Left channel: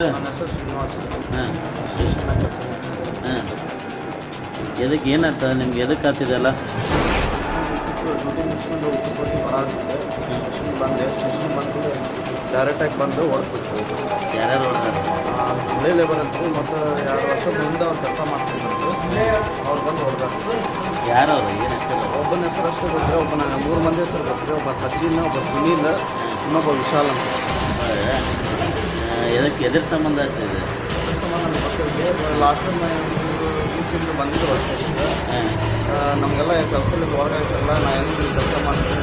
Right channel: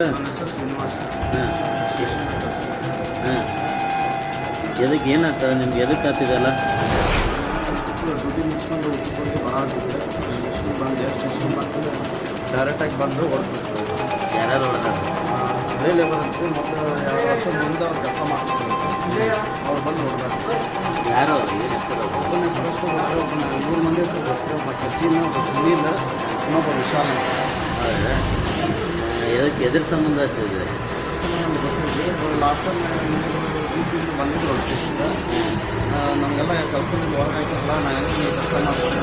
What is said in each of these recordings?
ನನ್ನ ಹೆಸರು ಶ್ರೀನಿವಾಸ್ ಹಾಂ ಸ್ಟೇಷನ್ ಕೆಲಸ ಮಾಡ್ತೀನಿ ಹಾಂ ಎದಕ್ಕೆ ಏನಾಗ್ತದೆ ನಿಮ್ಗೆ? ಎದಕ್ಕೆ ಆಗ್ತಿದೆಲ್ಲ ಡ್ಯೂಟಿ ಮುಗಿಸ್ಕೊಂಡು ಊಟಕ್ಕೆ ಬರಾಡ್ತಿದ್ದೆ ಸ್ಟೇಷನ್ ಬಂದೆ ಸ್ಟೇಷನ್ ಬಂದು ಡೈರೆಕ್ಟಾಗಿ ಬಂದು ಹೊಡೆದ್ಬಿಟ್ಟು ಯಾರ್ಯಾರು ಹೊಡೆದಾರ? ಹಳೆ ಲೇಬರ್ ಅಂತ ಮೊದಲು ಎರಡು ವರ್ಷ ಮುಂದೆ ಅವ್ರು ಕೆಲಸ ಮಾಡ್ತಿದ್ರಂತ ಅವ್ರು ಬಂದು ಹೊಡೆದಾರ ಯಾರು ಅವರು? ಏನು ಹೆಸರು ಅವರು? ಒಬ್ಬನ ಹೆಸರು ಅಷ್ಟೇ ಗೊತ್ತಿದೆ ಒಬ್ಬನ ಮೂರು ಮಂದಿ ಹೆಸರು ಗೊತ್ತಿದೆ ಒಬ್ಬ ಸಚಿನ್ ಒಬ್ಬ ಸುನೀಲ್ ಇನ್ನೊಬ್ಬ ವಿಶಾಲ್ ಅಂತ. ಹೌದಾ? ಎದಕ್ಕೆ ಎದ್ರ ಸಂಬಂಧ ಆಗ್ತಿದೆ ಸಂಬಂಧ ನಮ್ಗೆ ಗೊತ್ತಿರಲಿ ಲಾಸ್ಟ್ ಟೈಮ್ ಮೂರು ಬಂದಿದ್ರು ಸ್ಟೇಷನ್ಗೆ ನಮಗೆಲ್ಲ ಕೆಲಸದಲ್ಲಿ ಒಳಗಾಯ್ತಲ್ಲ ನಾ ಹೆಂಗೆ ಕೆಲಸ ಮಾಡ್ತೀನಿ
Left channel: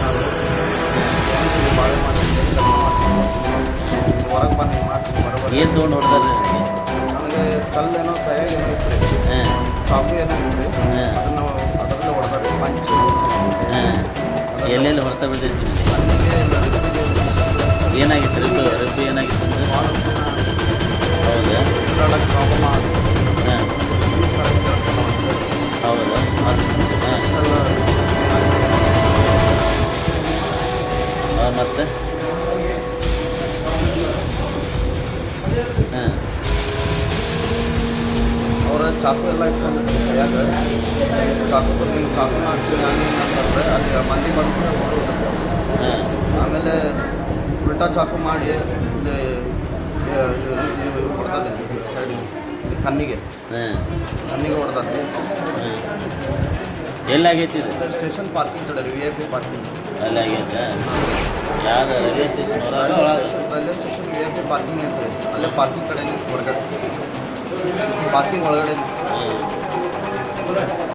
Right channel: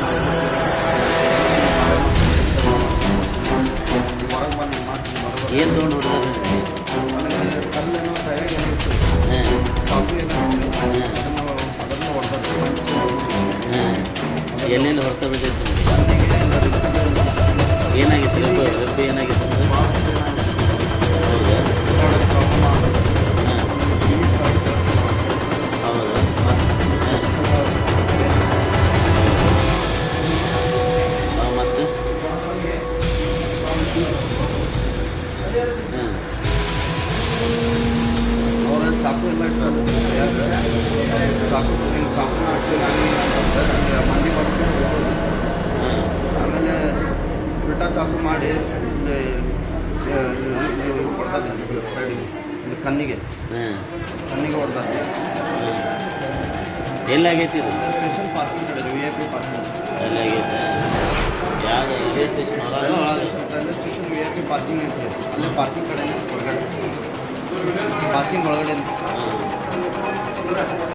ನೀವು ಬಾಳೆ ಮಾಡ್ತೀನಿ ಕೆಲಸ ಮಾಡ್ತೀನಿ ನೋಡ್ತೀನಿ. ಹೊರಗೆ ಬಂದು ಹಿಂಗೆ ಮಾಡ್ತೀನಿ ಬರೋಬರ ಏನು ತೊಗೊಂಡು ಹೊಡೆದ್ರೆ ನನಗೆ ಕಲ್ಲೇನೋ ಕೈಯಾಗ ಏನೋ ಇತ್ತು ರೀ. ಹಾಂ ಚಾಕು ಏನೋ ಇತ್ತು ರೀ. ಅದನ್ನು ಅದರಲ್ಲೇ ಹೊಡೆದ್ರೆ ಪಂಚ್ ಹಾಂ ಎಲ್ಲೆಲ್ಲಿ ಹೊರತ ಬಿದ್ದೈತೆ ಏನಾಗಿತ್ತು? ರಬ್ಬು ರಬ್ಬು ಏನಾಗಿತ್ತು ಹೌದಾ? ಹೌದಾ. ಮತ್ತೆ? ಹಾಂ. ಚಾಕು ಎಲ್ಲ ಇಟ್ಕೊಂಡಿದ್ರು ಕೈಯಾಗ ಚಾಕು ನೀವು ಚಾಕುನ ಹಾಕ್ತೀವಿ ಹಂಗೆ ಹಿಂಗೆ ಅಂತಂದ್ರೆ ಅಲ್ಲಿ ಮಂದಿ ಬಂದು ಓಡೋದು ಆಮೇಲೆ ಉಲ್ಟಾ ಚಾಕು ಮಾಡಿ ಇಲ್ಲಿ ಹೊಡ್ತಾರೆ ಸೈಡಿಗೆ ಇಲ್ಲಿ ಕಣ್ಣಿಗೆ. ಕಣ್ಣಿಗೆ ಹೊಡ್ತಾರೆ. ಎಲ್ಲಾಗೈತಿ ಇದು? ಸ್ಟೇಷನ್ ಪಾರ್ಕಿಂಗ್ ಕಡೆ ವಿ ಐ ಪಿ ಪಾರ್ಕಿಂಗ್. ಎಲ್ಲ ಆಗೈತೆ? ಯಾವ್ದು railway station railway station V I P parking ಐತ್ರಿ ಅಲ್ಲೇ ಪಾರ್ಕಿಂಗ್ ಕಡೆನೇ ಹೊರಗಡೆ. ಪಾರ್ಕಿಂಗ್ ಒಳಗಡೆ ಹ್ಞೂ